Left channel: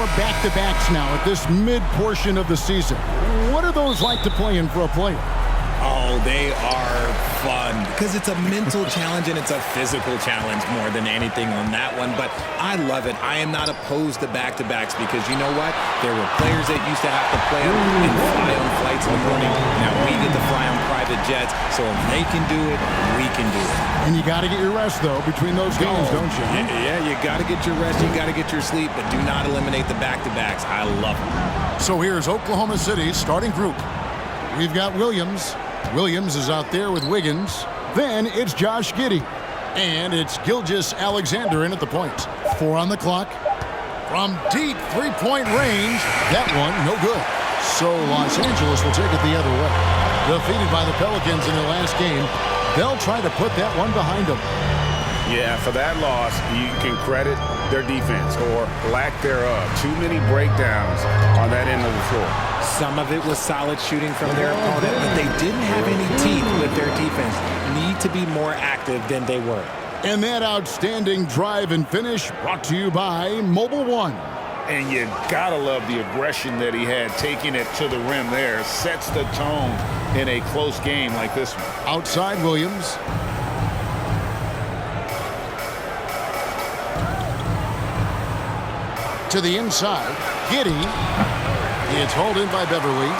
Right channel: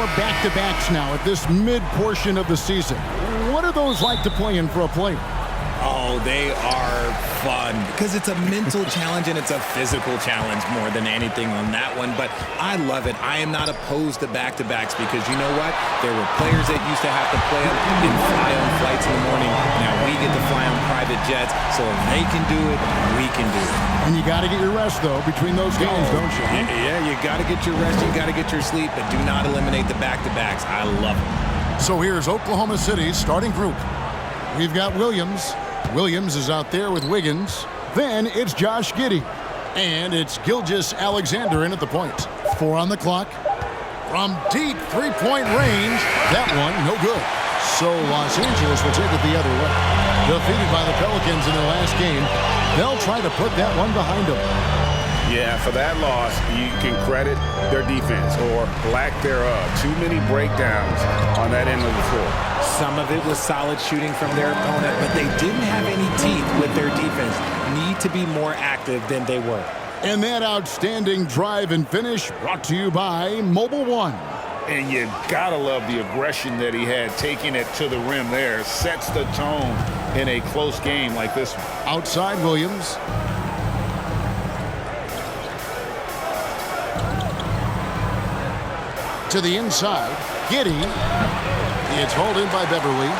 more back-to-backs now at this mid-portion of the season. What are those like to play in for a player? Oh, they are fun because it's a mental challenge and it's a physical challenge more than anything on that one. But I love it. I am not opposed to back-to-backs because you know what? There were players that used to have to play them and fly on flights in the morning. Now we get to fly on private jets. So if they can do it, we can do it. And you got to get your rest, though, between those games, don't you? Yeah, you got to get your rest. You got to get your sleep. But do not eliminate the back-to-backs. I love them. So here's Oklahoma City's starting group. We've got Williams. Williams is out there with Wiggins. Then it's Josh Giddey. And it's Gilgeous-Alexander in at the point. 4 on the clock. From deep three-point range. That one, no good. So Los Angeles will take it the other way. Defeated by the Pelicans in their last game, they'll try to put that one behind them. Yeah, for that loss, you can credit their defense or lack thereof. Too many breakdowns on that end of the floor. Some of it was solid shooting from their opponent, but they didn't have any teeth with their defense. Need to be more active than they were. And that outstanding drive and finish brought to you by Mobile One. And you gotta love the aggression that he had, taking it to the rim there. Sets the tone in a close game like this one. Outside Williams. To the inside, Giddey. It's hauled in by Beverly.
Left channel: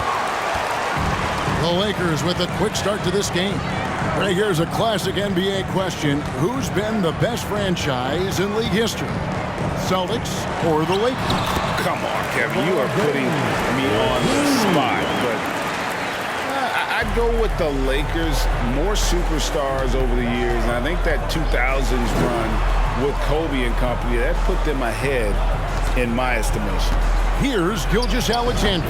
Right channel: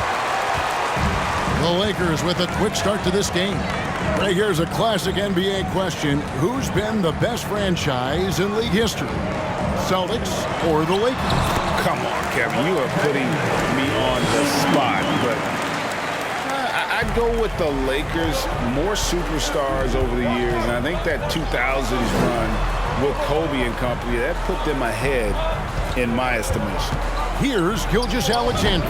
The Lakers with a quick start to this game. Right here's a classic NBA question. Who's been the best franchise in league history? Celtics or the Lakers? Come on, Kevin. You are putting me on the spot, but I'd go with the Lakers. More superstars over the years, and I think that 2000s run with Kobe and company, that put them ahead in my estimation. Here's Gilgeous-Alexander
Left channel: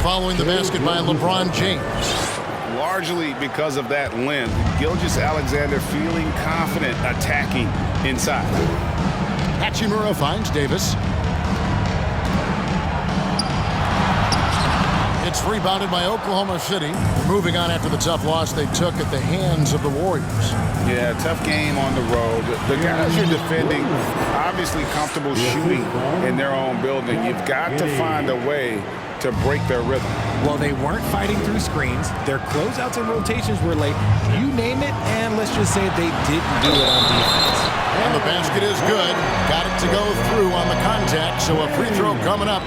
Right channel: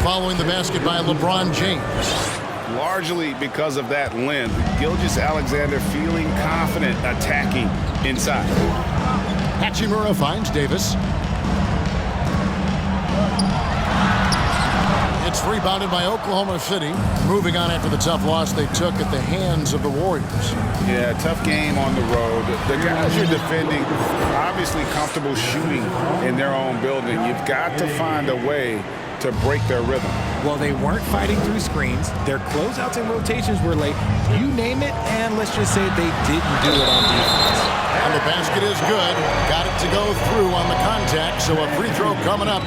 following the basket by LeBron James. Largely because of that length, Gilgeous-Alexander feeling confident attacking inside. Hachimura finds Davis. It's rebounded by Oklahoma City. Moving on after the tough loss they took at the hands of the Warriors. Yeah, tough game on the road. The guys you're defending, obviously comfortable shooting in their own building. You've got to find a way to break their rhythm. Well, they weren't fighting through screens. Their closeouts and rotations were late. You name it, and let's just say they didn't do it on defense. And the basket is good. Got it to go through on the contact, so a free throw coming up.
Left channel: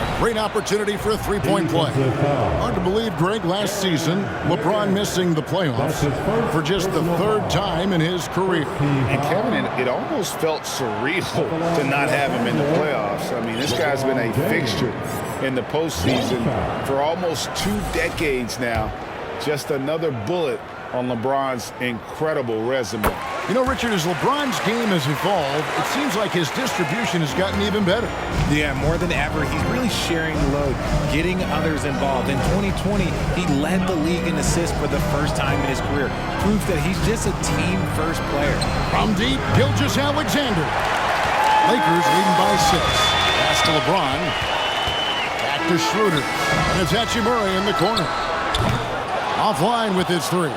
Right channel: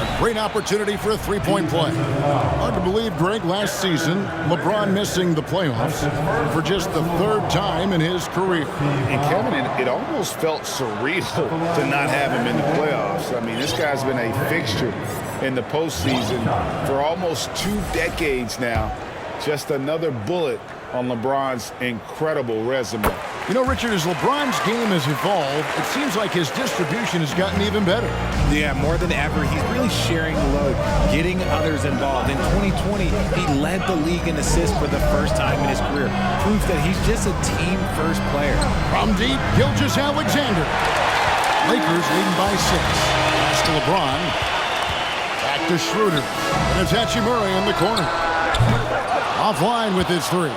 A great opportunity for a three-point play. Hard to believe, Greg, last season, LeBron missing the playoffs for just the 3rd time in his career. And Kevin, it almost felt surreal to not have him in the playoffs. I mean, this guy's been a fixture in the postseason for almost 2 decades now. Just another bullet on LeBron's incredible resume. You know, Richard, as LeBron's game has evolved, it seems like his distribution has gotten even better. Yeah, more than ever, he's really sharing the load, getting others involved. In 2020, he led the league in assists for the first time in his career. Proves that he's just a team-first player. From deep, Gilgeous-Alexander. Lakers leading by 6. Pass to LeBron. Back to Schroeder. And it's Hachimura in the corner. Offline with his 3.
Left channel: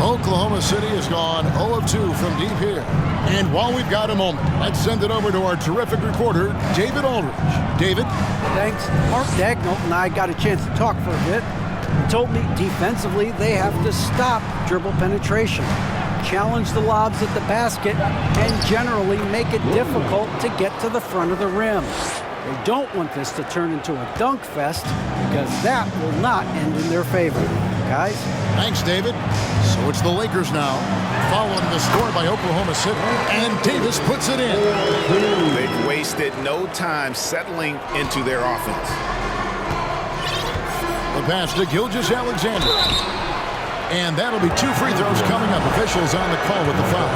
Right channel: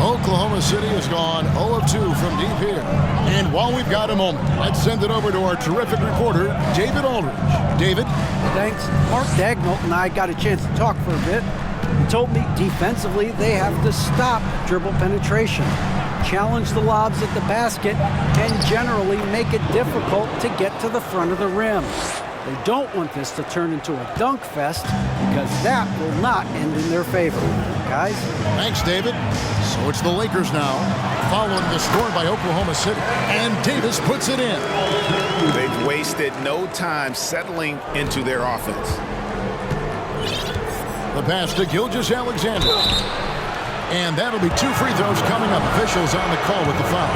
Oklahoma City has gone 0 of 2 from deep here. And while we've got a moment, let's send it over to our terrific reporter, David Aldridge. David? Thanks. Mark Dagnall and I got a chance to talk for a bit. He told me defensively they have to stop dribble penetration, challenge the lobs at the basket, and generally make it difficult to get to the front of the rim. They don't want this to turn into a dunk fest because that will not end in their favor. Guys? Thanks, David. So it's the Lakers now, following the score by Oklahoma City. And Davis puts it in. They've wasted no time settling into their offense. The pass to Gilgeous-Alexander. And that'll be 2 free throws coming up. Officials on the call with the foul.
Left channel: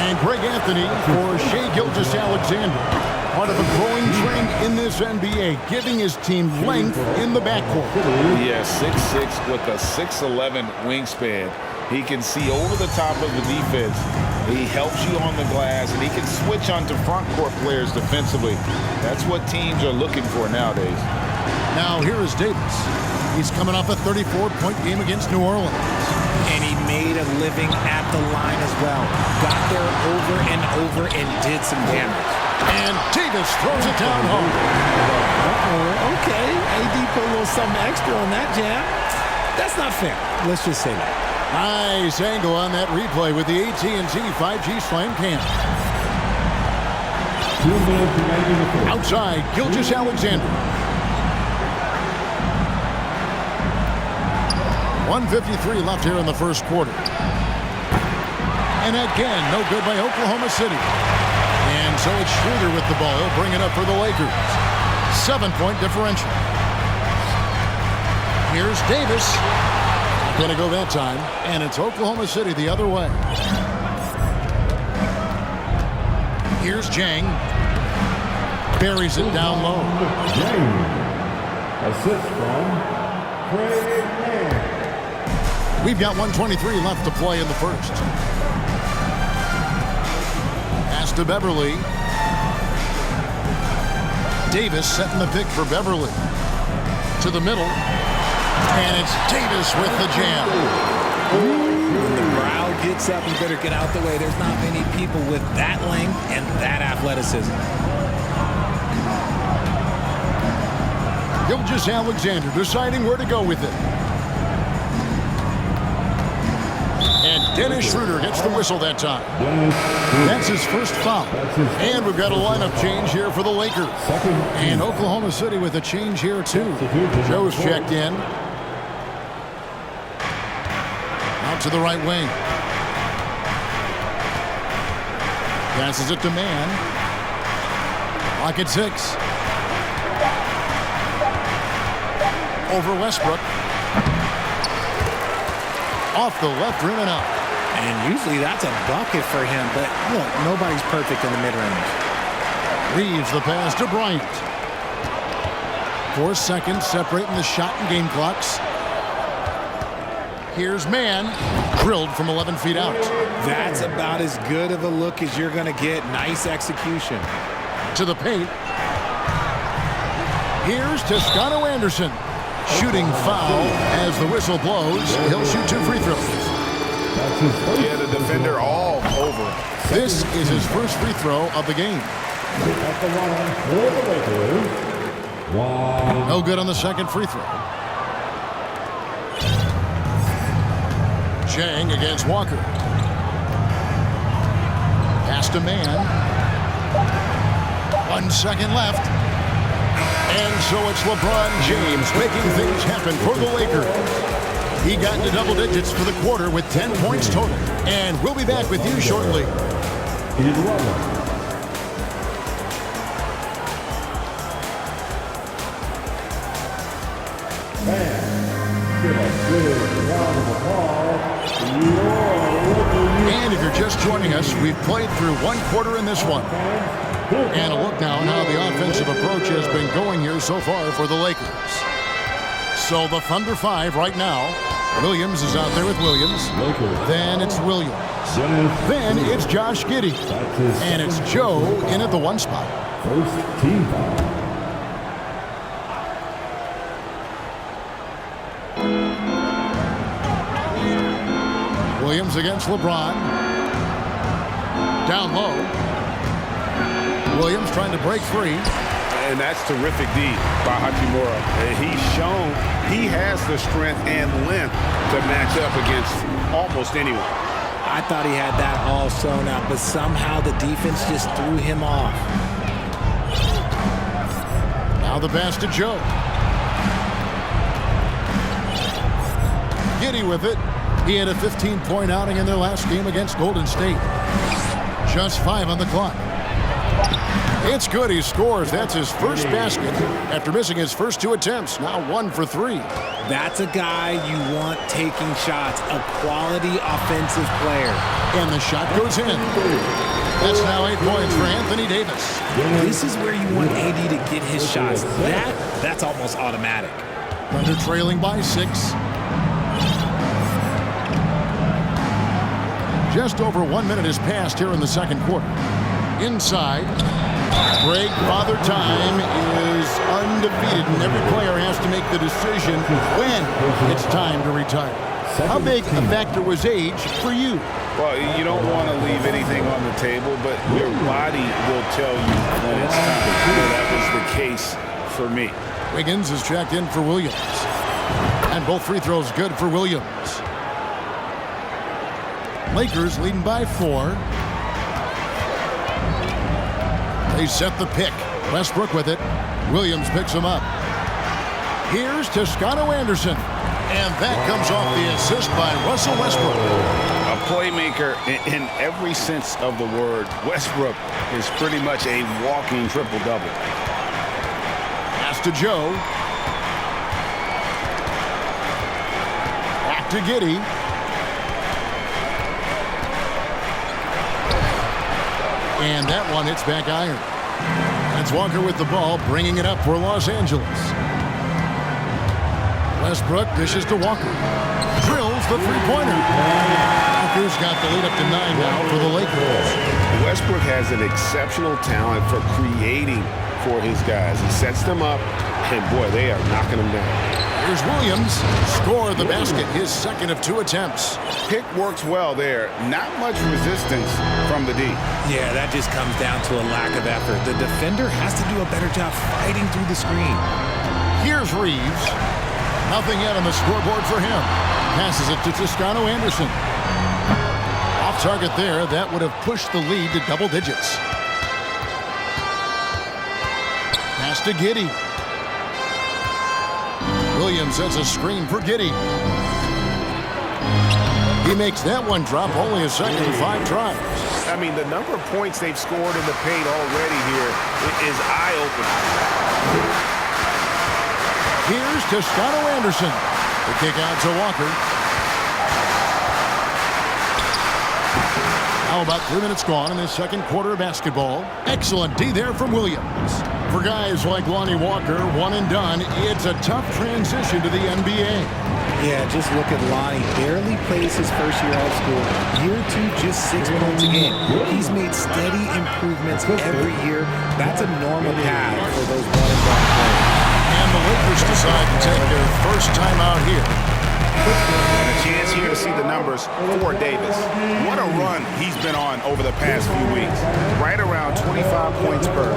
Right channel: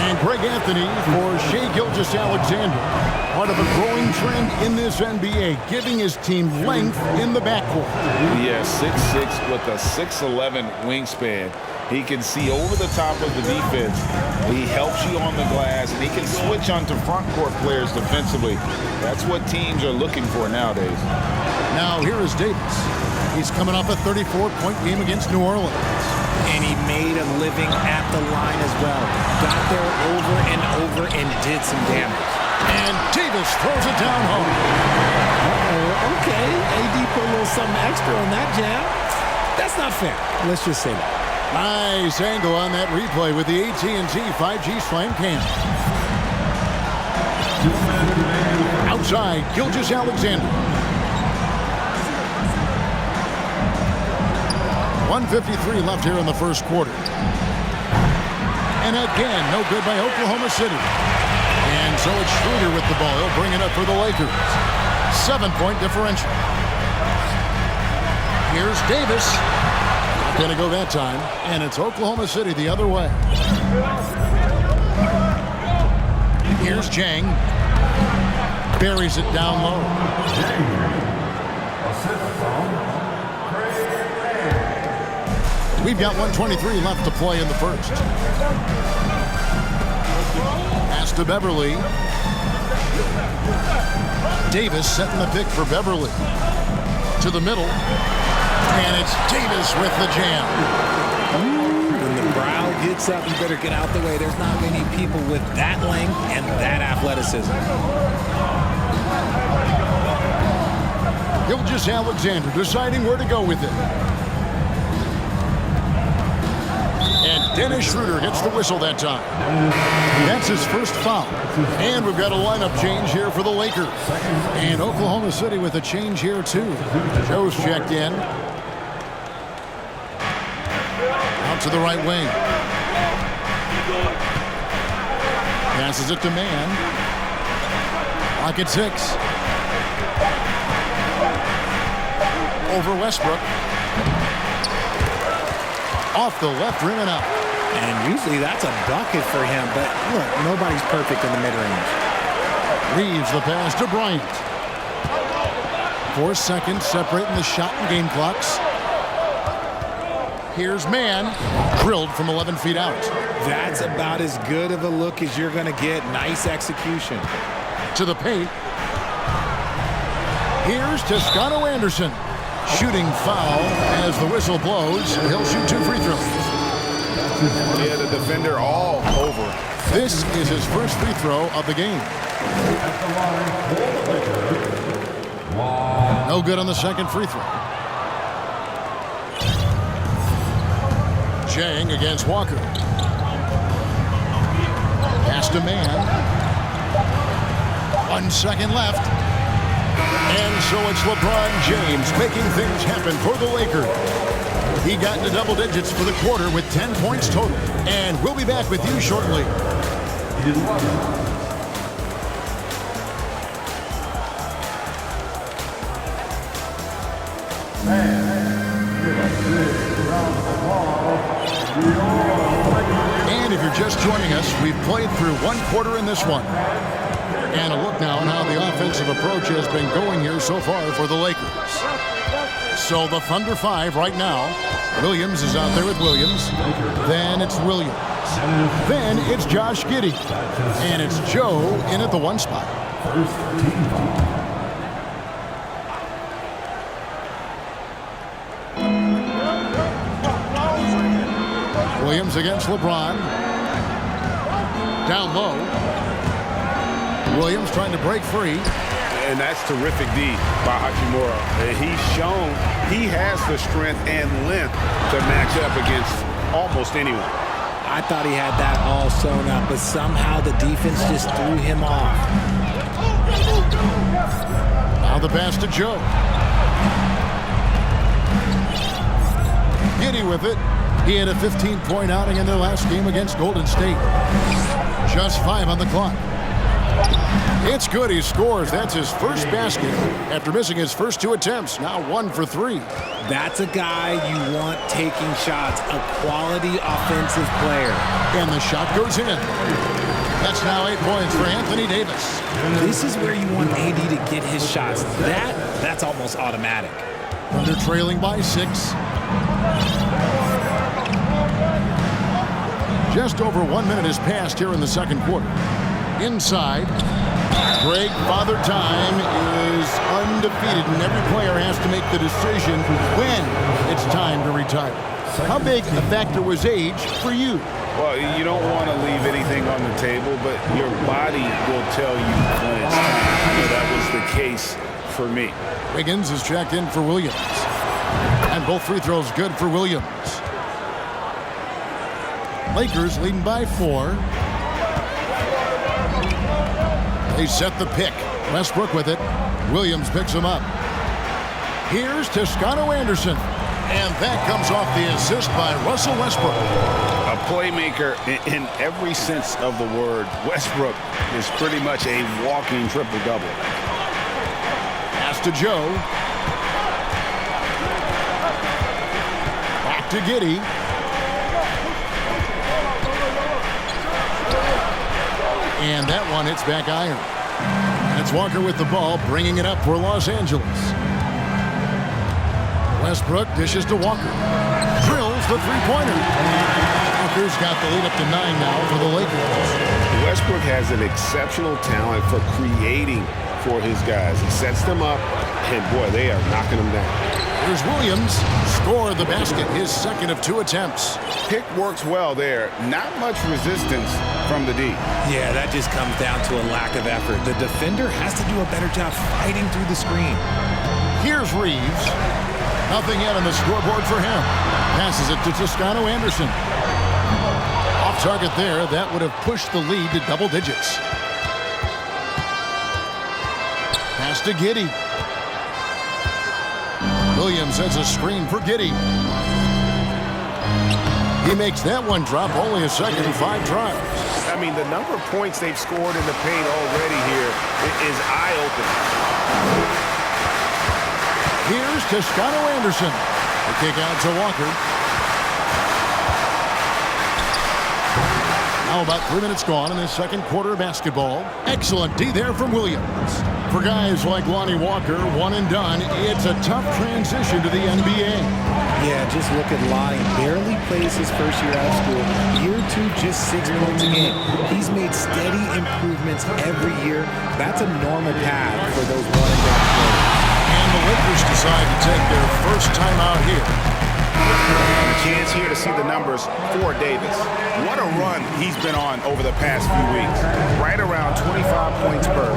And Greg Anthony for Shai Gilgeous-Alexander. Part of a growing trend in this NBA, giving his team length in the backcourt. Yeah, 6'6" with a 6'11" wingspan. He can see over the top of the defense. He helps you on the glass, and he can switch onto front court players defensively. That's what teams are looking for nowadays. Now here is Davis. He's coming off a 34-point game against New Orleans. And he made a living at the line as well. Got there over and over and did some damage. And Davis throws it down hard. Uh-oh, okay. AD put a little something extra on that jam. That's not fair. Let's just say that. Nice angle on that replay with the AT&T 5G Slam Cam. Outside, Gilgeous-Alexander. 1:53 left here in the first quarter. And again, no good by Oklahoma City. And so it's Schroeder with the ball. He'll bring it up for the Lakers. 7-point differential. Here's Davis. Not going to go that time. And it's Oklahoma City the other way. Here's Jang. Buries it down low. Assist from Craig Mann. We've got 1:23 left to play in the first. Pass to Beverly. Davis setting the pick for Beverly. To the middle. And it's Davis with the jam. When the brow gets up, you better get out the way. There's not many people with that length and that athleticism. Gilgeous-Alexander deciding where to go with it. And Dennis Schroeder gets the whistle that time. That's his first foul. And we've got a lineup change here for the Lakers. And Oklahoma City with a change here too. Joe's checked in. Out to the right wing. Passes it to Mann. Clock at 6. Over Westbrook. Off the left rim and out. And usually that's a bucket for him, but look, nobody's perfect in the mid-range. Reeves the pass to Bryant. 4 seconds separating the shot and game clocks. Here's Mann. Drilled from 11 feet out. That's about as good of a look as you're going to get. Nice execution. To the paint. Here's Toscano Anderson. Shooting foul as the whistle blows. He'll shoot 2 free throws. Yeah, the defender all over him. This is his first free throw of the game. At the line for the Lakers. Wow. No good on the second free throw. Jang against Walker. Pass to Mann. 1 second left. And so it's LeBron James making things happen for the Lakers. He got into double digits for the quarter with 10 points total. And we'll be back with you shortly. He did 11. Man, give a big round of applause. And if you're just joining us, we've played through 1 quarter in this one. And a look now on how the offensive approach has been going here so far for the Lakers. So the Thunder 5 right now. Williams is out there with Williams. Then it's Williams. Then it's Josh Giddey. And it's Joe in at the 1 spot. First team foul. Williams against LeBron. Down low. Williams trying to break free. And that's terrific D by Hachimura. He's shown he has the strength and length to match up against almost anyone. I thought he had that all sewn up, but somehow the defense just threw him off. Now the pass to Joe. Giddey with it. He had a 15-point outing in their last game against Golden State. Just 5 on the clock. It's good. He scores. That's his first basket after missing his first 2 attempts. Now 1 for 3. That's a guy you want taking shots, a quality offensive player. And the shot goes in. That's now 8 points for Anthony Davis. This is where you want AD to get his shots. That's almost automatic. Thunder trailing by 6. Just over 1 minute has passed here in the second quarter. Inside, Greg, Father Time is undefeated, and every player has to make the decision when it's time to retire. How big a factor was age for you? Well, you don't want to leave anything on the table, but your body will tell you when it's time. I know that was the case for me. Wiggins is checked in for Williams. And both free throws good for Williams. Lakers leading by 4. They set the pick. Westbrook with it. Williams picks him up. Here's Toscano Anderson. And that comes off the assist by Russell Westbrook. A playmaker in every sense of the word. Westbrook is pretty much a walking triple-double. Pass to Joe. Back to Giddey. And that one hits back iron. And it's Walker with the ball, bringing it up for Los Angeles. Westbrook dishes to Walker. Drills the three-pointer. Walker's got the lead up to 9 now for the Lakers. Westbrook has an exceptional talent for creating for his guys. He sets them up, and boy, they are knocking them down. Here's Williams. Score the basket, his second of 2 attempts. Pick works well there. Not much resistance from the D. Yeah, that just comes down to a lack of effort. The defender has to do a better job fighting through the screen. Here's Reeves. Nothing yet on the scoreboard for him. Passes it to Toscano Anderson. Off target there. That would have pushed the lead to double digits. Pass to Giddey. Williams has a screen for Giddey. He makes that one drop. Only a second, 5 tries. I mean, the number of points they've scored in the paint already here is eye-opening. Here's Toscano Anderson. The kick out to Walker. Now about 3 minutes gone in this second quarter of basketball. Excellent D there from Williams. For guys like Lonnie Walker, one and done, it's a tough transition to the NBA. Yeah, just look at Lonnie. Barely plays his first year out of school. Year 2, just 6 points a game. He's made steady improvements every year. That's a normal path for those one-and-done players. And the Lakers decide to take their first time out here. And a chance here to see the numbers for Davis. What a run he's been on over the past few weeks. Right around 25 points per,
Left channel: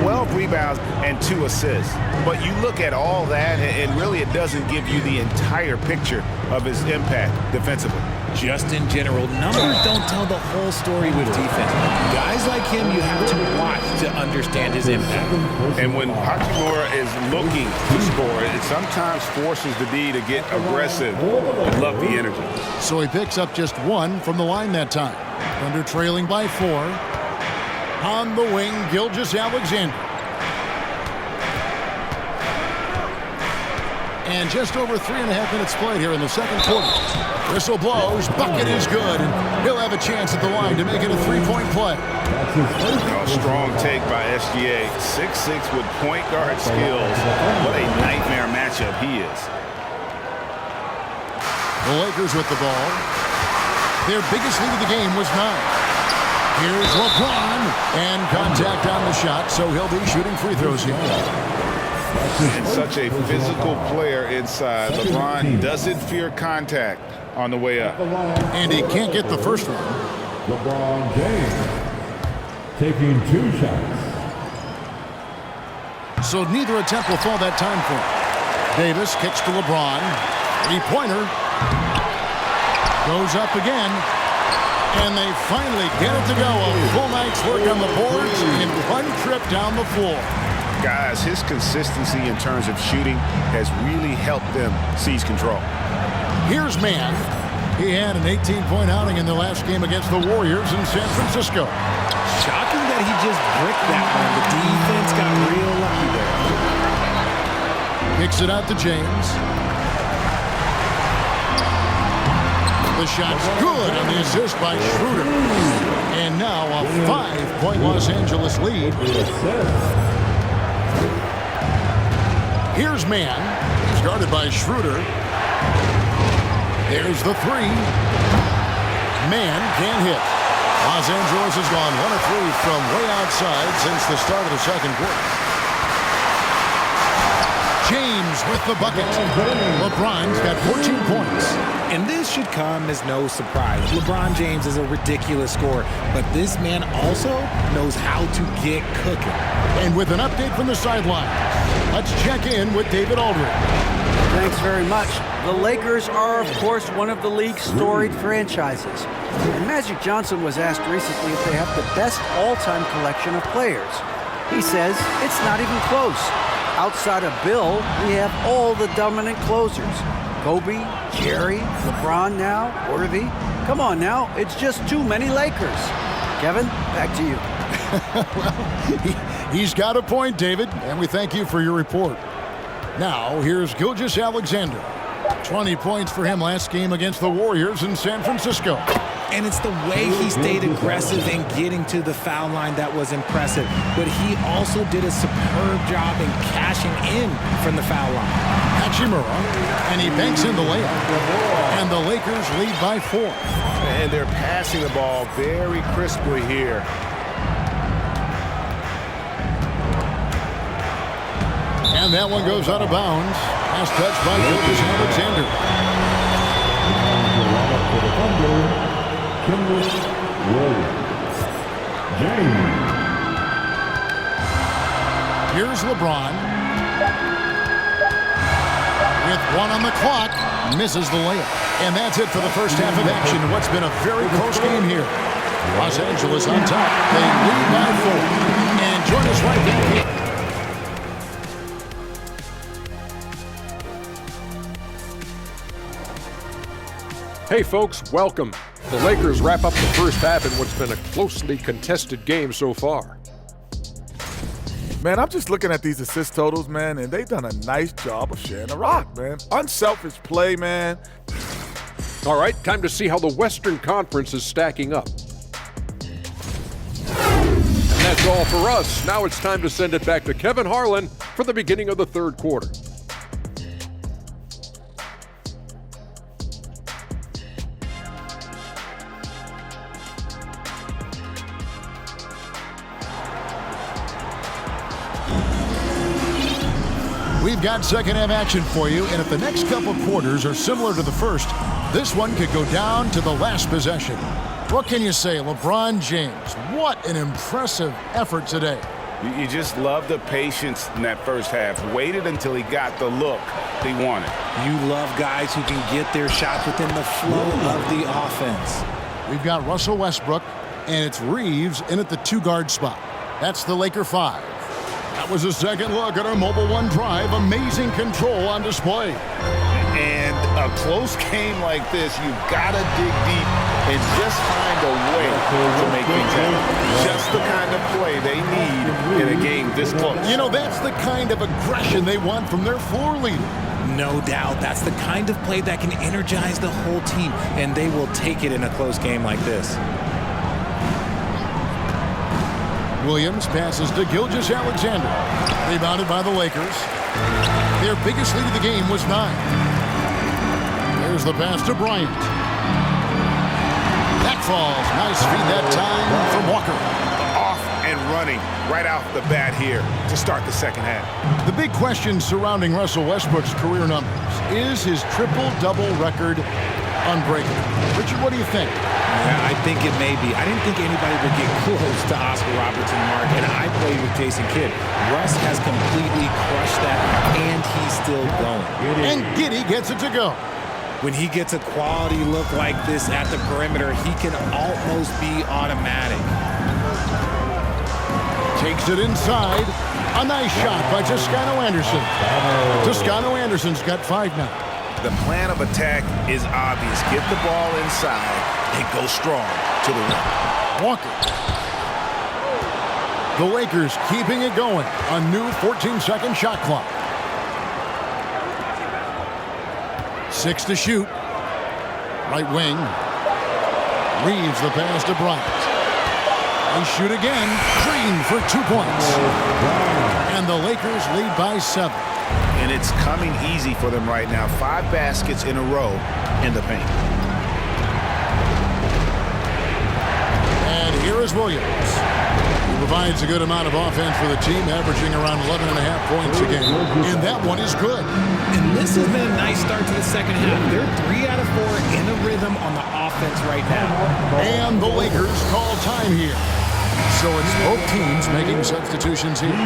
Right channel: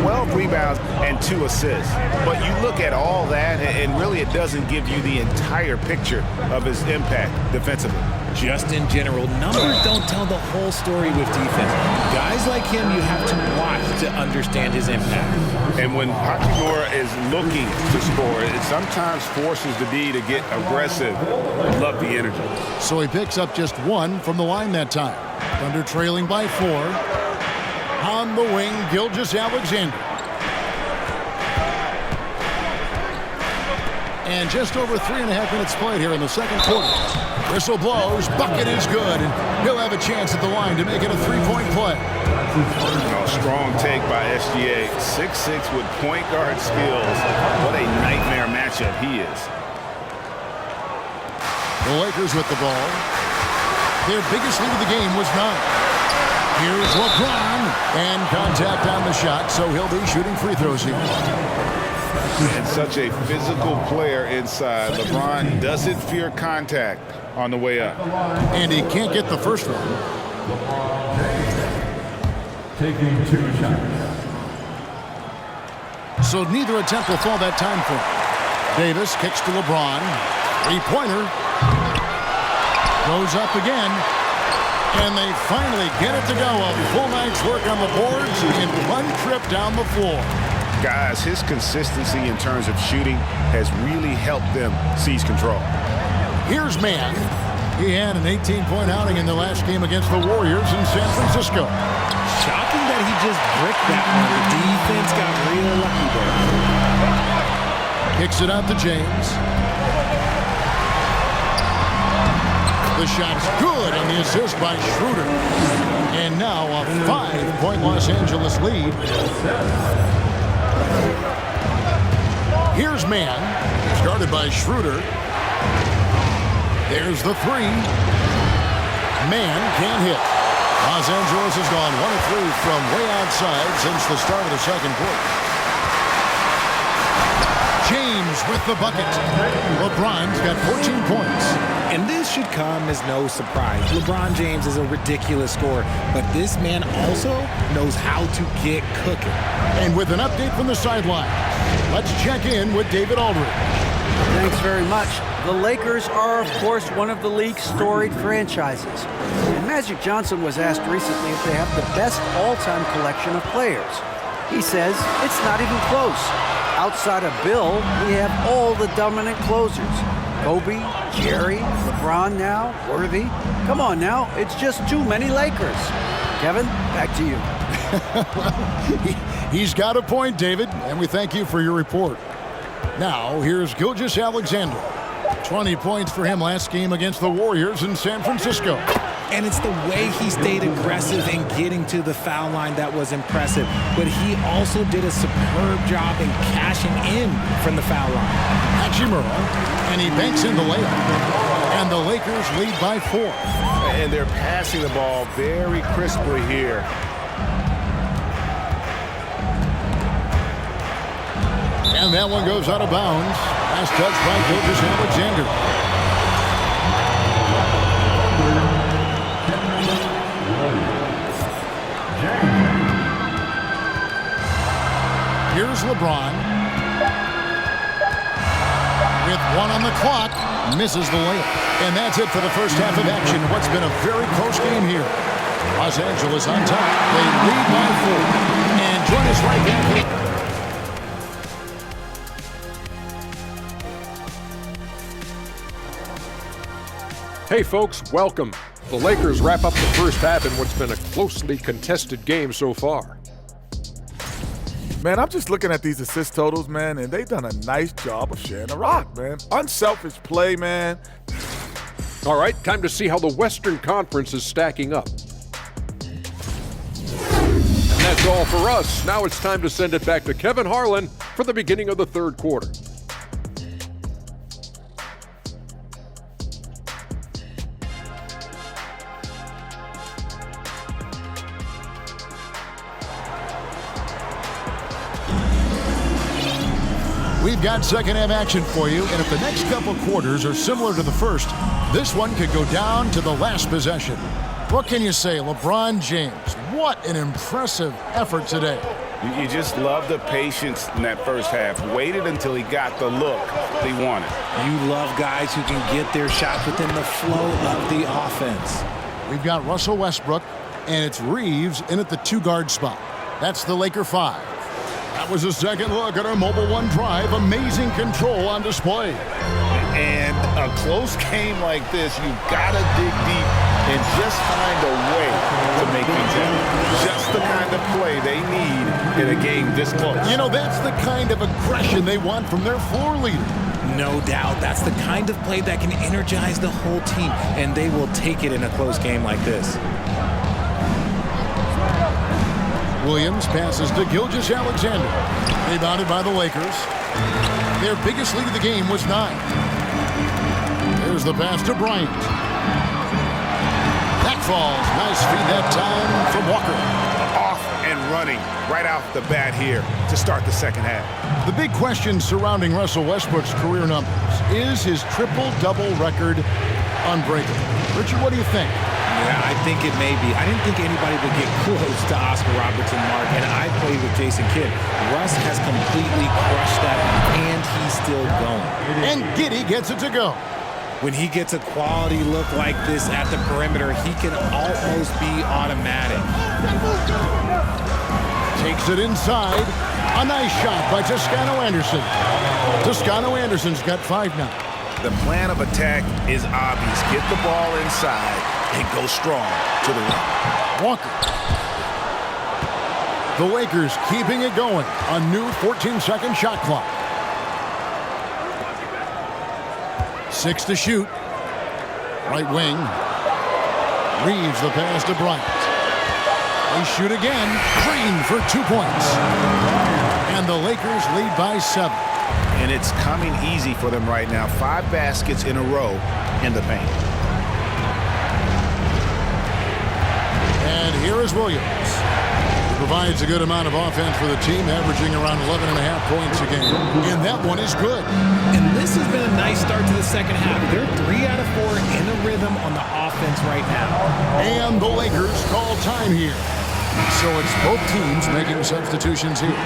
12 rebounds, and 2 assists. But you look at all that, and really it doesn't give you the entire picture of his impact defensively. Just in general, numbers don't tell the whole story with defense. Guys like him, you have to watch to understand his impact. And when Hachimura is looking to score, it sometimes forces the D to get aggressive. Love the energy. So he picks up just 1 from the line that time. Thunder trailing by 4. On the wing, Gilgeous-Alexander. And just over 3.5 minutes played here in the second quarter. Whistle blows, bucket is good, and he'll have a chance at the line to make it a 3-point play. Strong take by SGA. 6'6" with point guard skills. What a nightmare matchup he is. The Lakers with the ball. Their biggest lead of the game was 9. Here's LeBron, and contact on the shot, so he'll be shooting free throws here. And such a physical player inside. LeBron doesn't fear contact on the way up. And he can't get the first one. LeBron James taking 2 shots. So neither attempt will fall that time for him. Davis kicks to LeBron. 3-pointer. Goes up again. And they finally get it to go. A full night's work on the boards in 1 trip down the floor. Guys, his consistency in terms of shooting has really helped them seize control. Here's Mann. He had an 18-point outing in the last game against the Warriors in San Francisco. Shocking that he just bricked that one. The defense got real lucky there. Kicks it out to James. The shot's good on the assist by Schroeder. And now a 5-point Los Angeles lead. Here's Mann. He's guarded by Schroeder. There's the 3. Mann can't hit. Los Angeles has gone 1 of 3 from way outside since the start of the second quarter. James with the bucket. LeBron's got 14 points. And this should come as no surprise. LeBron James is a ridiculous scorer, but this man also knows how to get cooking. And with an update from the sidelines, let's check in with David Aldridge. Thanks very much. The Lakers are, of course, one of the league's storied franchises. And Magic Johnson was asked recently if they have the best all-time collection of players. He says it's not even close. Outside of Bill, we have all the dominant closers. Kobe, Jerry, LeBron now, Worthy. Come on now, it's just too many Lakers. Kevin, back to you. Well, he's got a point, David, and we thank you for your report. Now, here's Gilgeous-Alexander. 20 points for him last game against the Warriors in San Francisco. And it's the way he stayed aggressive in getting to the foul line that was impressive. But he also did a superb job in cashing in from the foul line. Hachimura, and he banks in the layup. And the Lakers lead by 4. And they're passing the ball very crisply here. And that one goes out of bounds. Last touch by Gilgeous-Alexander. Here's LeBron. With 1 on the clock, misses the layup. And that's it for the first half of action in what's been a very close game here. Los Angeles on top. They lead by 4. And join us right back here. Hey folks, welcome. The Lakers wrap up the first half in what's been a closely contested game so far. Man, I'm just looking at these assist totals, man, and they've done a nice job of sharing the rock, man. Unselfish play, man. All right, time to see how the Western Conference is stacking up. And that's all for us. Now it's time to send it back to Kevin Harlan for the beginning of the third quarter. We've got second half action for you, and if the next couple quarters are similar to the first, this one could go down to the last possession. What can you say, LeBron James? What an impressive effort today. You just love the patience in that first half. Waited until he got the look he wanted. You love guys who can get their shots within the flow of the offense. We've got Russell Westbrook, and it's Reeves in at the 2-guard spot. That's the Laker 5. That was a second look at our Mobile One drive. Amazing control on display. And a close game like this, you've got to dig deep and just find a way to make things happen. Just the kind of play they need in a game this close. You know, that's the kind of aggression they want from their floor leader. No doubt. That's the kind of play that can energize the whole team, and they will take it in a close game like this. Williams passes to Gilgeous-Alexander. Rebounded by the Lakers. Their biggest lead of the game was 9. There's the pass to Bryant. That falls. Nice feed that time from Walker. Off and running right off the bat here to start the second half. The big question surrounding Russell Westbrook's career numbers is his triple-double record unbreakable. Richard, what do you think? Yeah, I think it may be. I didn't think anybody would get close to Oscar Robertson, Mark, and I played with Jason Kidd. Russ has completely crushed that, and he's still going. And Giddey gets it to go. When he gets a quality look like this at the perimeter, he can almost be automatic. Takes it inside. A nice shot by Toscano Anderson. Toscano Anderson's got 5 now. The plan of attack is obvious. Get the ball inside and go strong to the rim. Walker. The Lakers keeping it going. A new 14-second shot clock. 6 to shoot. Right wing. Reeves the pass to Bryant. They shoot again. Green for 2 points. And the Lakers lead by 7. And it's coming easy for them right now. 5 baskets in a row in the paint. And here is Williams. He provides a good amount of offense for the team, averaging around 11.5 points a game. And that one is good. And this has been a nice start to the second half. They're 3 out of 4 in a rhythm on the offense right now. And the Lakers call time here. So it's both teams making substitutions here.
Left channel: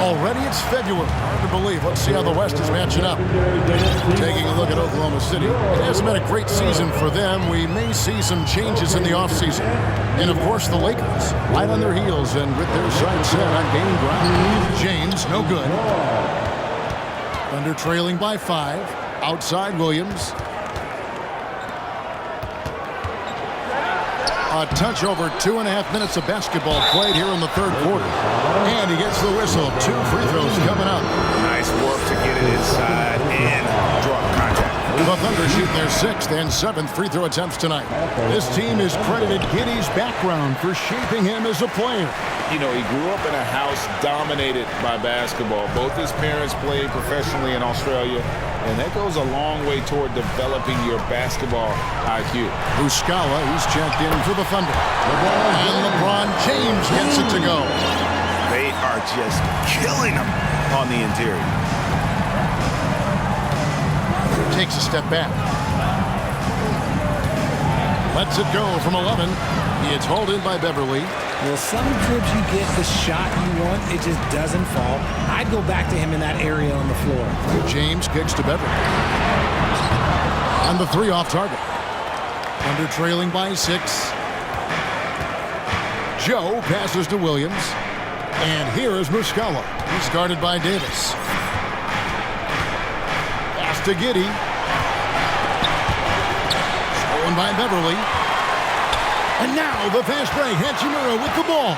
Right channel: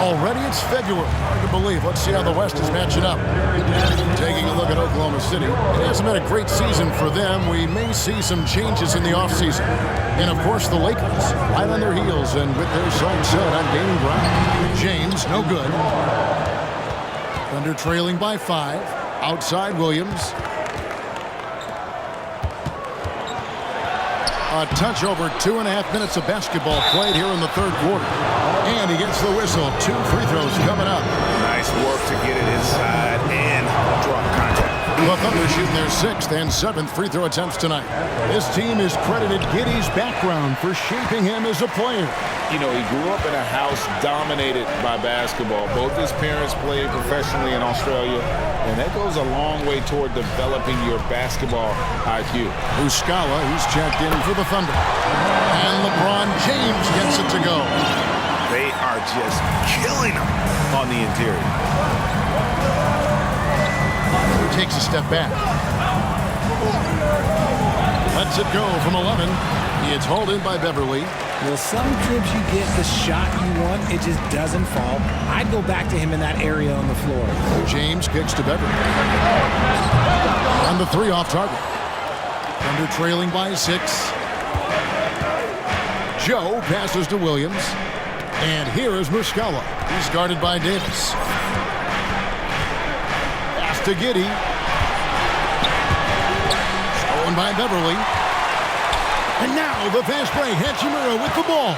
Already it's February. Hard to believe. Let's see how the West is matching up. Taking a look at Oklahoma City. It hasn't been a great season for them. We may see some changes in the offseason. And, of course, the Lakers, right on their heels and with their sights set on gaining ground. James, no good. Thunder trailing by 5. Outside Williams. A touch over 2.5 minutes of basketball played here in the third quarter. And he gets the whistle. 2 free throws coming up. Nice work to get it inside and draw contact. The Thunder shooting their 6th and 7th free throw attempts tonight. This team has credited Giddey's background for shaping him as a player. You know, he grew up in a house dominated by basketball. Both his parents played professionally in Australia, and that goes a long way toward developing your basketball IQ. Muscala, he's checked in for the Thunder. And LeBron James gets it to go. They are just killing him on the interior. Takes a step back. Lets it go from 11. It's hauled in by Beverly. Well, some trips you get the shot you want, it just doesn't fall. I'd go back to him in that area on the floor. James kicks to Beverly. And the 3 off target. Thunder trailing by 6. Joe passes to Williams. And here is Muscala. He's guarded by Davis. Pass to Giddey. Stolen by Beverly. And now the fast break. Hachimura with the ball.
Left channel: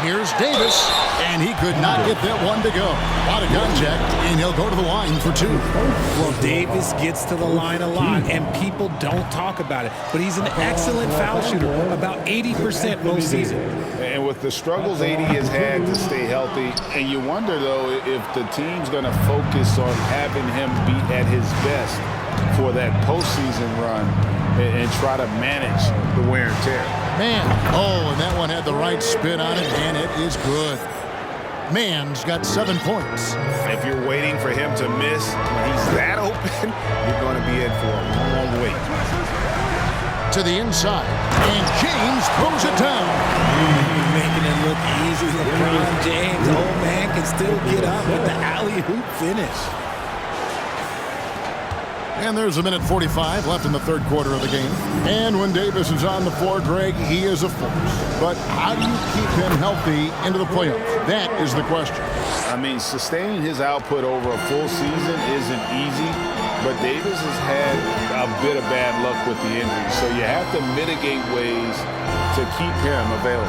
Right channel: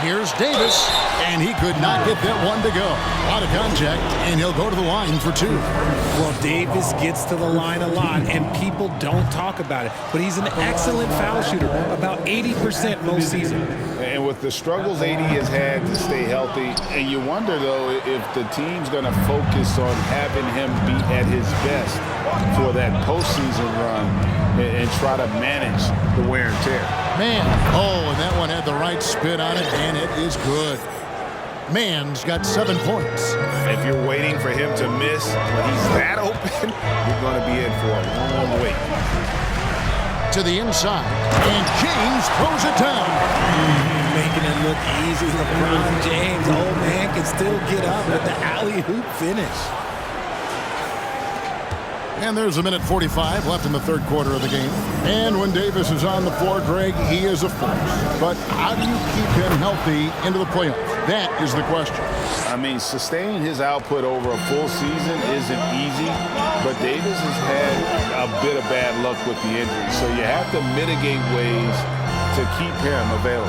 Here's Davis. And he could not get that one to go. A lot of contact, and he'll go to the line for 2. Well, Davis gets to the line a lot, and people don't talk about it. But he's an excellent foul shooter, about 80% most season. And with the struggles AD has had to stay healthy, and you wonder, though, if the team's going to focus on having him be at his best for that postseason run and try to manage the wear and tear. Man, and that one had the right spin on it, and it is good. Man's got 7 points. If you're waiting for him to miss when he's that open, you're going to be in for a long wait. To the inside, and James throws it down. Making it look easy. LeBron James, old man, can still get up with the alley-oop finish. And there's 1:45 left in the third quarter of the game. And when Davis is on the floor, Greg, he is a force. But how do you keep him healthy into the playoffs? That is the question. I mean, sustaining his output over a full season isn't easy, but Davis has had a bit of bad luck with the injury. So you have to mitigate ways to keep him available.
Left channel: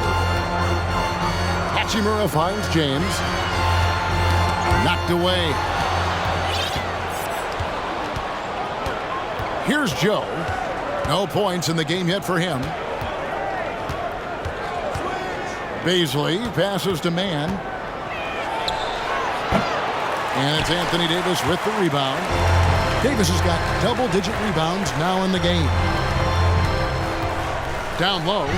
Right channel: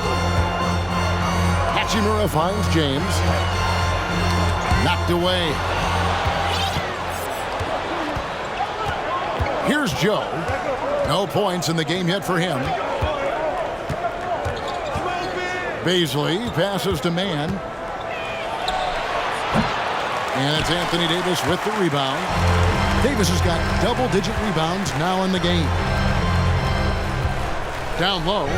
Hachimura finds James. Knocked away. Here's Joe. No points in the game yet for him. Beasley passes to Mann. And it's Anthony Davis with the rebound. Davis has got double-digit rebounds now in the game. Down low.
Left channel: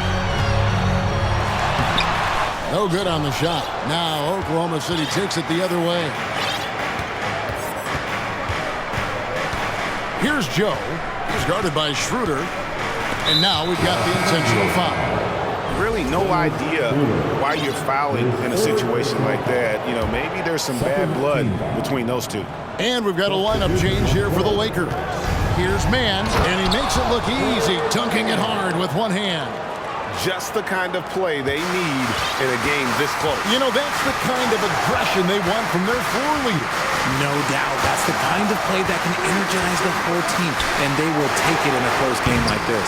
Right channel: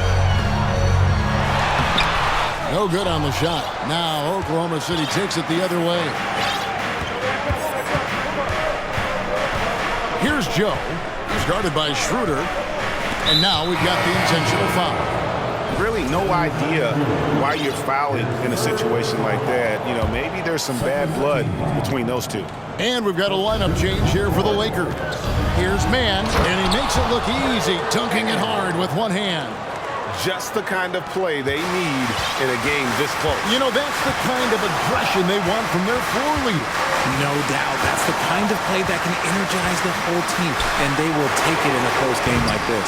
No good on the shot. Now Oklahoma City takes it the other way. Here's Joe. He's guarded by Schroeder. And now we've got the intentional foul. Really no idea why you're fouling in a situation like that. You know, maybe there's some bad blood between those two. And we've got a lineup change here for the Lakers. Here's Mann, and he makes it look easy, dunking it hard with one hand. Just the kind of play they need in a game this close. You know, that's the kind of aggression they want from their floor leader. No doubt. That's the kind of play that can energize the whole team, and they will take it in a close game like this.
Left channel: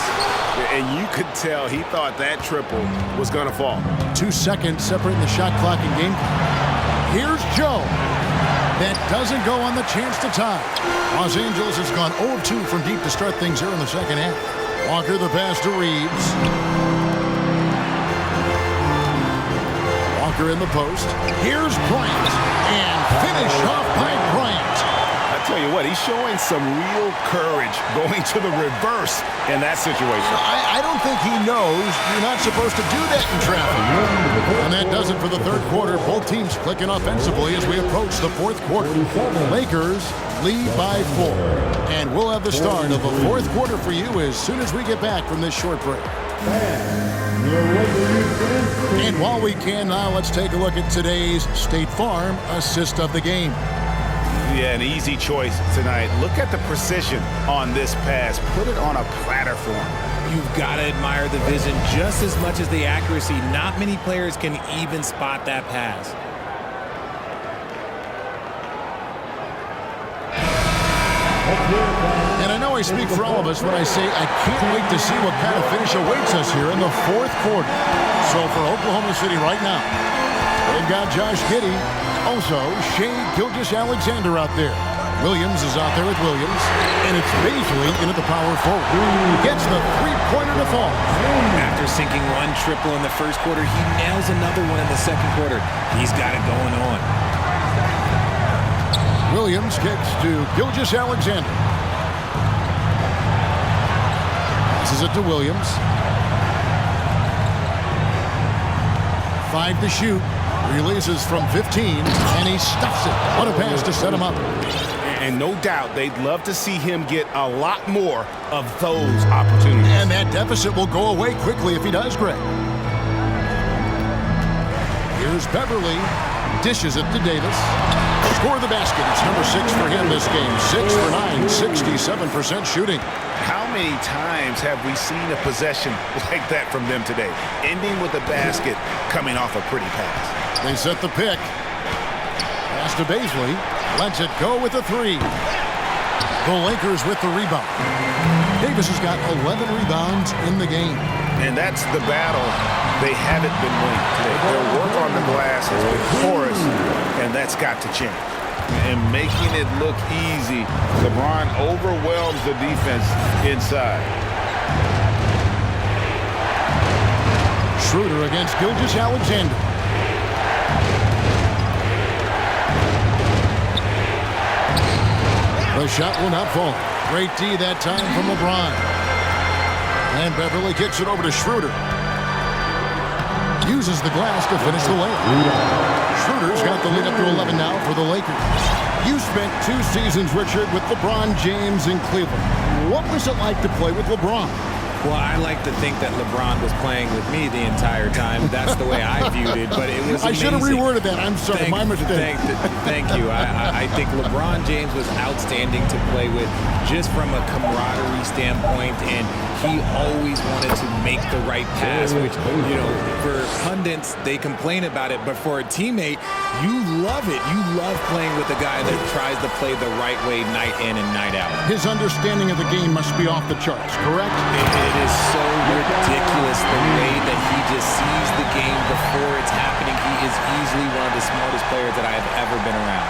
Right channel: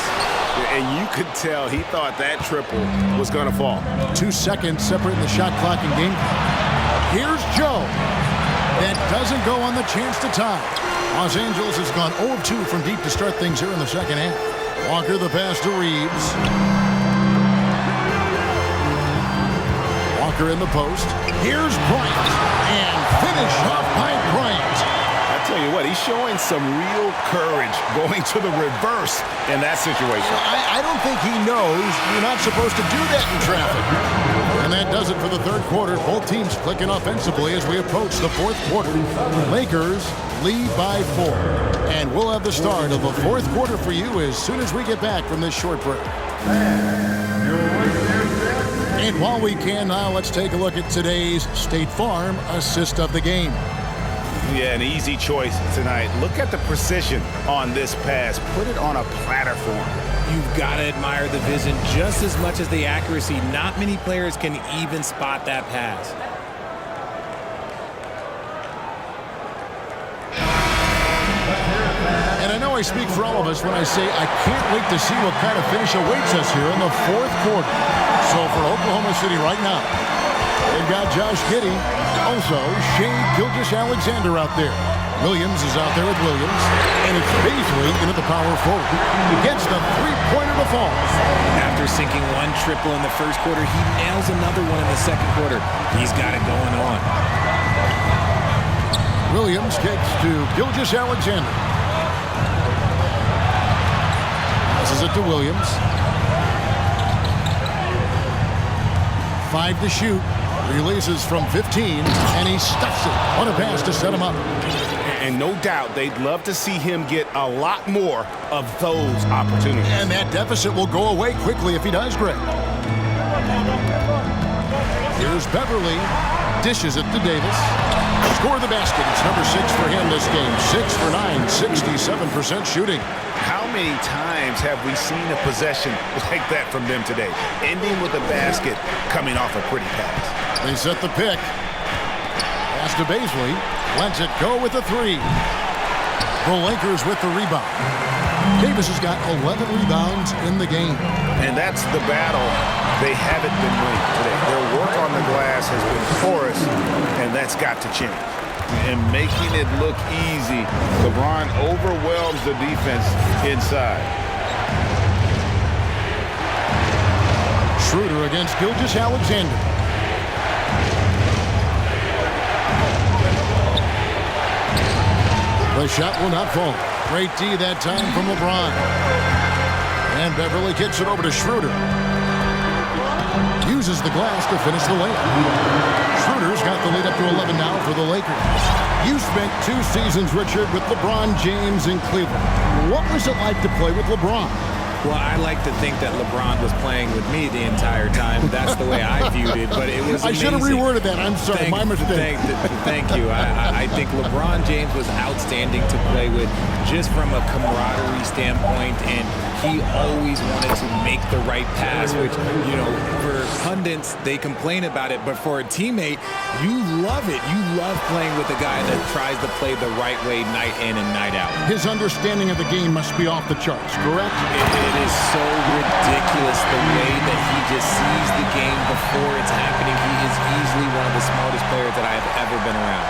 And you could tell he thought that triple was going to fall. 2 seconds separating the shot clock and game clock. Here's Joe. That doesn't go on the chance to tie. Los Angeles has gone 0 of 2 from deep to start things here in the second half. Walker the pass to Reeves. Walker in the post. Here's Bryant. And finish off by Bryant. I tell you what, he's showing some real courage going to the reverse in that situation. I don't think he knows you're not supposed to do that in traffic. And that does it for the third quarter. Both teams clicking offensively as we approach the fourth quarter. Lakers lead by 4. And we'll have the start of the fourth quarter for you as soon as we get back from this short break. And while we can now, let's take a look at today's State Farm assist of the game. Yeah, an easy choice tonight. Look at the precision on this pass. Put it on a platter form. You've got to admire the vision just as much as the accuracy. Not many players can even spot that pass. And I know I speak for all of us when I say I can't wait to see what kind of finish awaits us here in the fourth quarter. So for Oklahoma City right now, they've got Josh Giddey, also Shai Gilgeous-Alexander out there. Williams is out there with Williams, and it's Baisley into the power forward. Gets the three-pointer to fall. After sinking one triple in the first quarter, he nails another one in the second quarter. He's got it going on. Williams kicks to Gilgeous-Alexander. Passes it to Williams. 5 to shoot. Releases from 15, and he stuffs it. What a pass to set him up. And no doubt they'd love to see him get a lot more of those opportunities. And that deficit will go away quickly if he does, Greg. Here's Beverly. Dishes it to Davis. Score the basket. It's number 6 for him this game. 6 for 9, 67% shooting. How many times have we seen a possession like that from them today? Ending with a basket, coming off a pretty pass. They set the pick. Pass to Baisley. Lets it go with a 3. The Lakers with the rebound. Davis has got 11 rebounds in the game. And that's the battle they haven't been winning today. Their work on the glass has been porous, and that's got to change. And making it look easy, LeBron overwhelms the defense inside. Schroeder against Gilgeous-Alexander. The shot will not fall. Great D that time from LeBron. And Beverly kicks it over to Schroeder. Uses the glass to finish the layup. Schroeder's got the lead up to 11 now for the Lakers. You spent 2 seasons, Richard, with LeBron James in Cleveland. What was it like to play with LeBron? Well, I like to think that LeBron was playing with me the entire time. That's the way I viewed it, but it was amazing. I should have reworded that. I'm sorry, my mistake. Thank you. I think LeBron James was outstanding to play with just from a camaraderie standpoint, and he always wanted to make the right pass, which, you know, for pundits, they complain about it, but for a teammate, you love it. You love playing with a guy that tries to play the right way night in and night out. His understanding of the game must be off the charts, correct? It is so ridiculous the way that he just sees the game before it's happening. He is easily one of the smartest players that I have ever been around.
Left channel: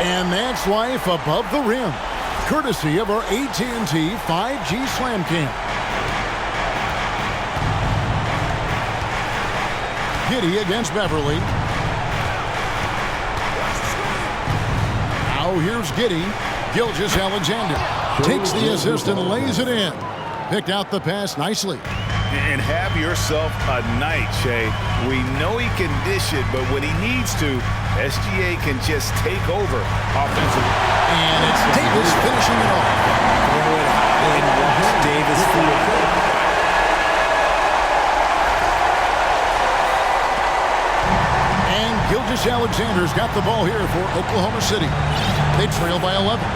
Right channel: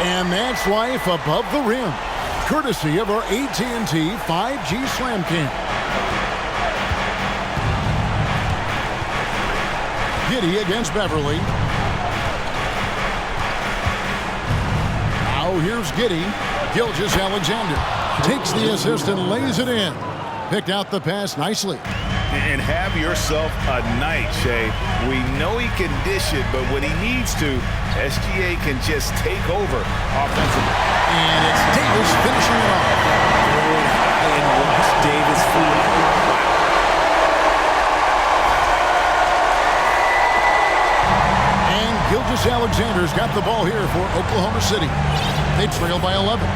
And that's life above the rim, courtesy of our AT&T 5G Slam Cam. Giddey against Beverly. Now here's Giddey. Gilgeous-Alexander takes the assist and lays it in. Picked out the pass nicely. And have yourself a night, Shai. We know he can dish it, but when he needs to, SGA can just take over offensively. And it's Davis finishing it off. Throw it high and watch Davis fly. Wow. And Gilgeous-Alexander's got the ball here for Oklahoma City. They trail by 11.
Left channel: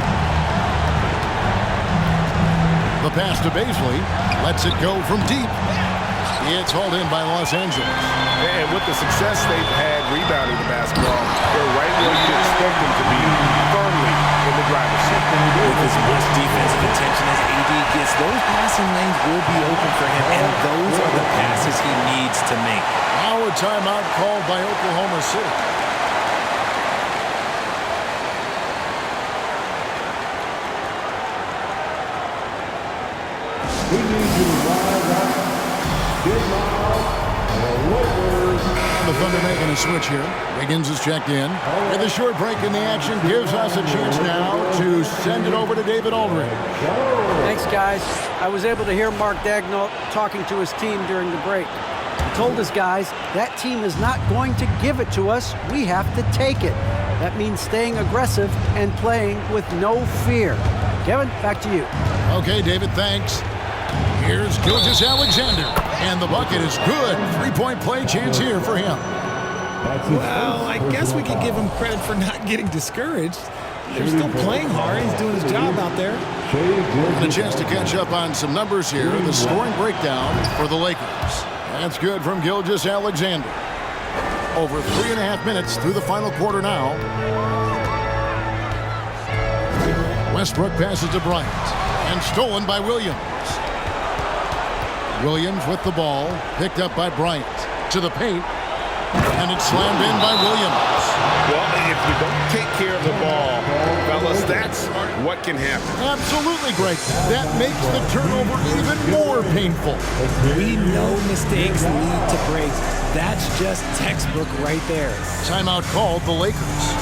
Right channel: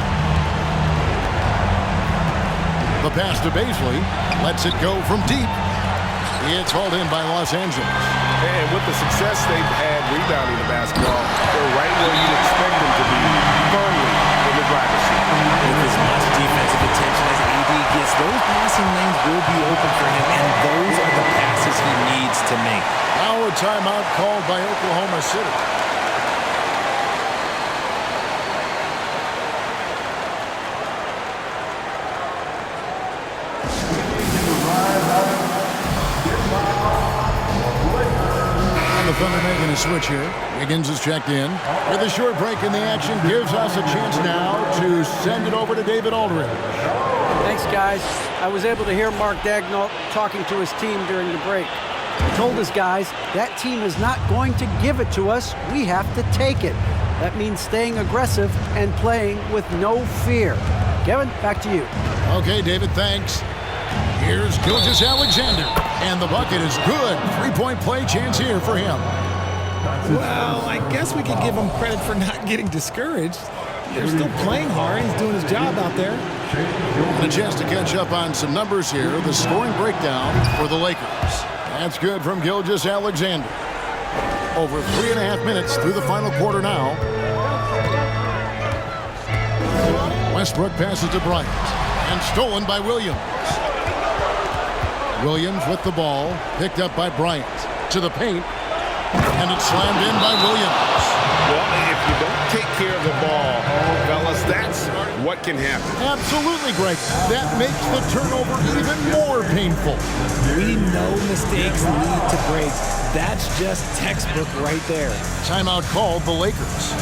The pass to Baisley. Lets it go from deep. It's hauled in by Los Angeles. And with the success they've had rebounding the basketball, they're right where you'd expect them to be, firmly in the driver's seat. With as much defensive attention as AD gets, those passing lanes will be open for him, and those are the passes he needs to make. Now a timeout called by Oklahoma City. And the Thunder making a switch here. Wiggins is checked in. With a short break in the action, gives us a chance now to send it over to David Aldridge. Thanks, guys. I was able to hear Mark Daigneault talking to his team during the break. He told his guys, that team is not going to give it to us. We have to take it. That means staying aggressive and playing with no fear. Kevin, back to you. Okay, David, thanks. Here's Gilgeous-Alexander, and the bucket is good. Three-point play chance here for him. Well, I guess we could give him credit for not getting discouraged. They're still playing hard. He's doing his job out there. And a chance to catch up on some numbers here. The scoring breakdown for the Lakers. That's good from Gilgeous-Alexander. Over 3.5 minutes through the final quarter now. Westbrook passes to Bryant, and stolen by Williams. Williams with the ball, picked up by Bryant. To the paint, and it's slammed in by Williams. Well, if you don't take care of the ball, fellas, that's what can happen. Absolutely, Greg. That makes the turnover even more painful. We know mistakes lead to breaks. That's just textbook right there. Timeout called the Lakers.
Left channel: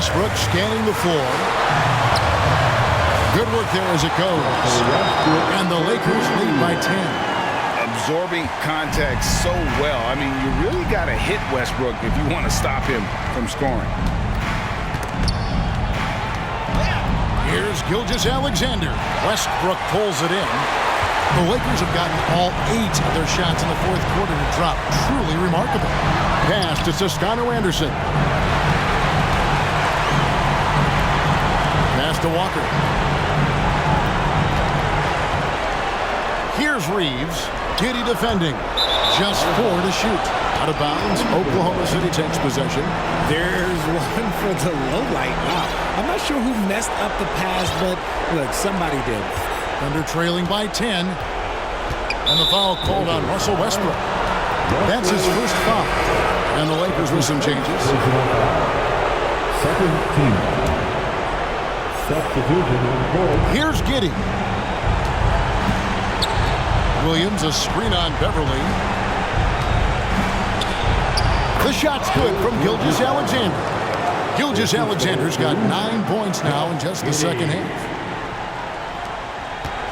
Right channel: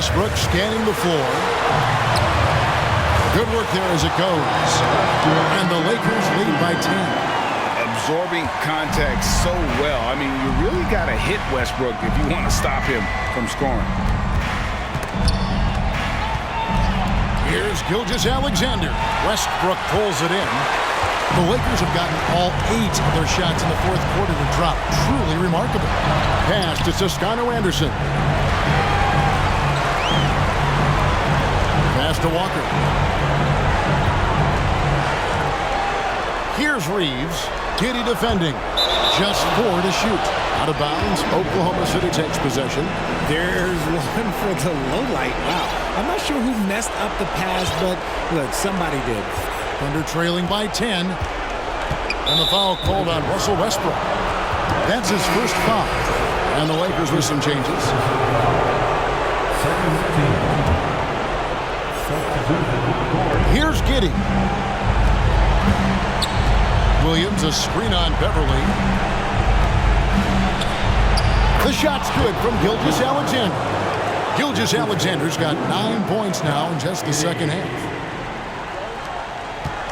Westbrook scanning the floor. Good work there as it goes. And the Lakers lead by 10. Absorbing contact so well. I mean, you really got to hit Westbrook if you want to stop him from scoring. Here's Gilgeous-Alexander. Westbrook pulls it in. The Lakers have gotten all 8 of their shots in the fourth quarter to drop. Truly remarkable. Pass to Toscano Anderson. Pass to Walker. Here's Reeves. Giddy defending. Just 4 to shoot. Out of bounds. Oklahoma City takes possession. There's one for the low light. Wow. I'm not sure who messed up the pass, but look, somebody did. Thunder trailing by 10. And the foul called on Russell Westbrook. That's his first foul. And the Lakers with some changes. Second team. Substitution. Here's Giddy. Williams, a screen on Beverly. The shot's good from Gilgeous-Alexander. Gilgeous-Alexander's got 9 points now in just the second half.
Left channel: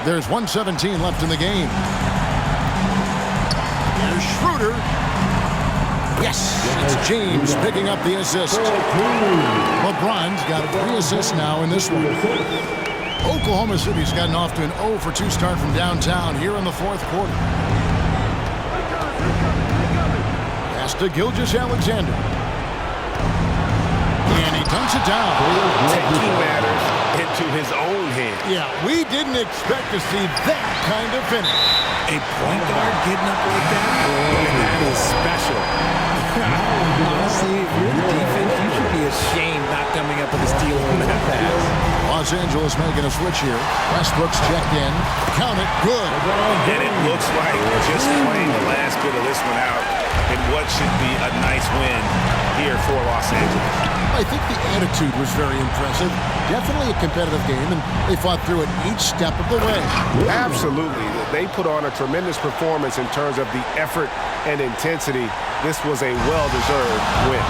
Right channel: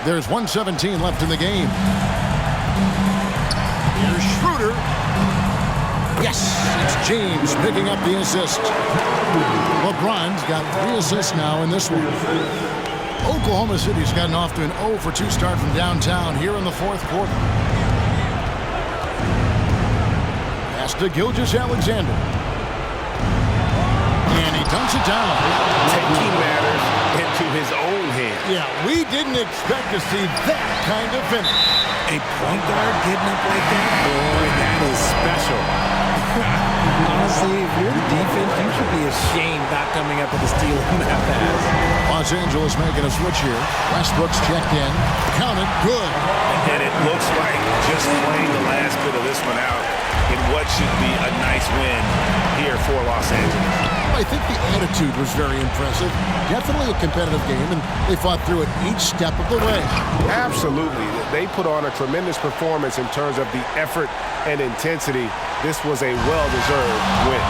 There's 1:17 left in the game. Here's Schroeder. Yes, it's James picking up the assist. LeBron's got 3 assists now in this one. Oklahoma City's gotten off to an 0 for 2 start from downtown here in the fourth quarter. Pass to Gilgeous-Alexander. And he dunks it down. Taking matters into his own hands. Yeah, we didn't expect to see that kind of finish. A point guard getting up like that? Boy, that is special. Honestly, if you're the defense, you should be ashamed not coming up with a steal on that pass. Los Angeles making a switch here. Westbrook's checked in. Count it. Good. And it looks like just playing the last bit of this one out in what should be a nice win here for Los Angeles. I think the attitude was very impressive. Definitely a competitive game, and they fought through it each step of the way. Absolutely. They put on a tremendous performance in terms of the effort and intensity. This was a well-deserved win.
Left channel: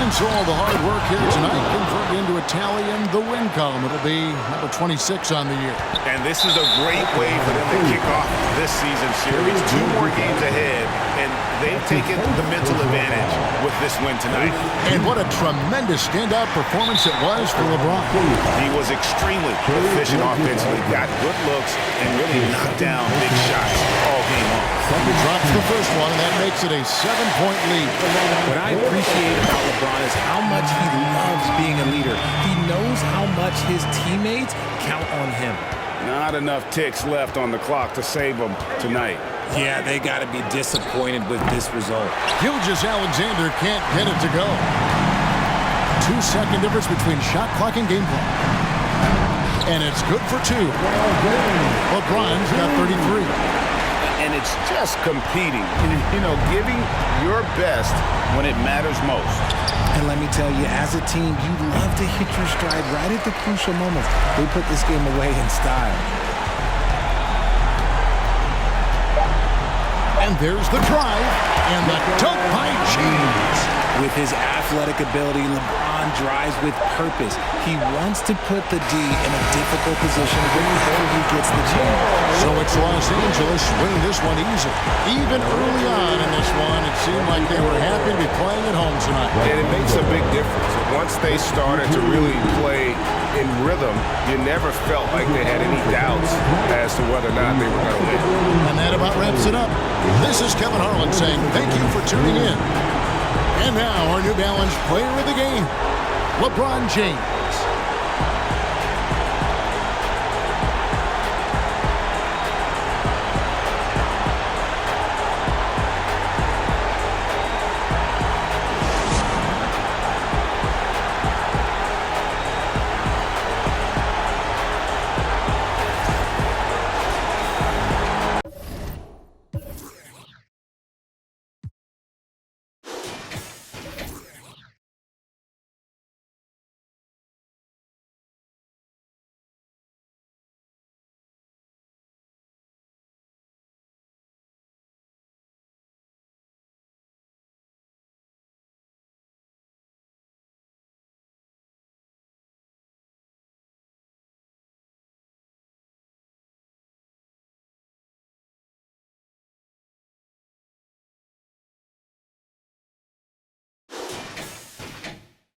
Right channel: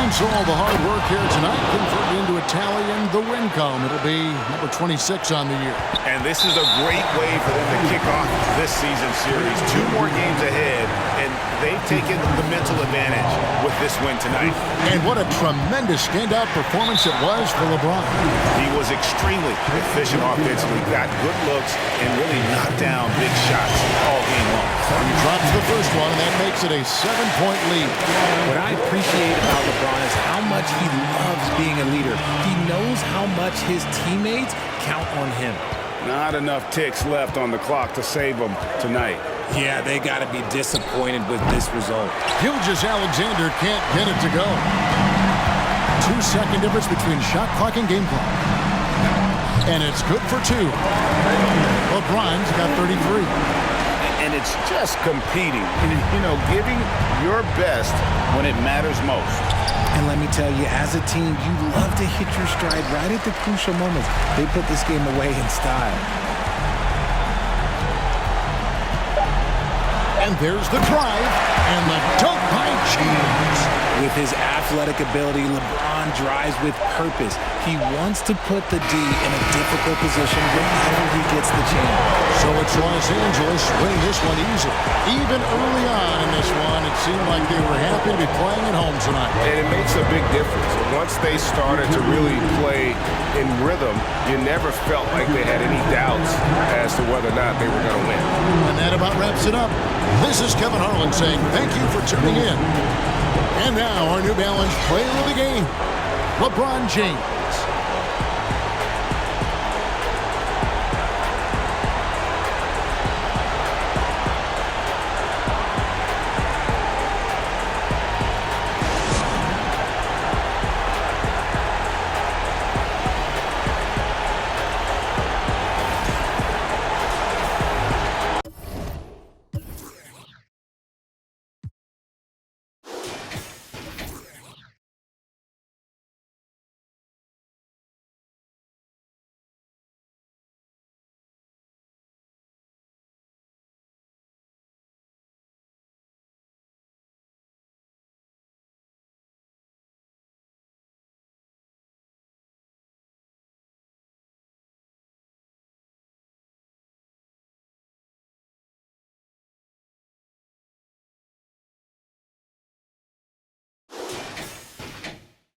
And so all the hard work here tonight converted into a tally in the win column. It'll be number 26 on the year. And this is a great way for them to kick off this season series. 2 more games ahead, and they've taken the mental advantage with this win tonight. And what a tremendous standout performance it was for LeBron. He was extremely efficient offensively, got good looks, and really knocked down big shots all game long. He drops the first one, and that makes it a 7-point lead. What I appreciate about LeBron is how much he loves being a leader. He knows how much his teammates count on him. Not enough ticks left on the clock to save them tonight. Yeah, they got to be disappointed with this result. Gilgeous-Alexander can't get it to go. 2-second difference between shot clock and game clock. And it's good for 2. LeBron's got 33. and it's just competing, you know, giving your best when it matters most. And let me tell you, as a team, you love to hit your stride right at the crucial moments. They put this game away in style. And there's the drive and the dunk by James. With his athletic ability, LeBron drives with purpose. He wants to put the D in a difficult position whenever he gets the chance. So it's Los Angeles winning this one easily. Even early on in this one, it seemed like they were happy to be playing at home tonight. And it makes a big difference. Once they started to really play in rhythm, you never felt like they had any doubts as to whether or not they were going to win. And that about wraps it up. This is Kevin Harlan saying thank you for tuning in. And now our New Balance player of the game, LeBron James.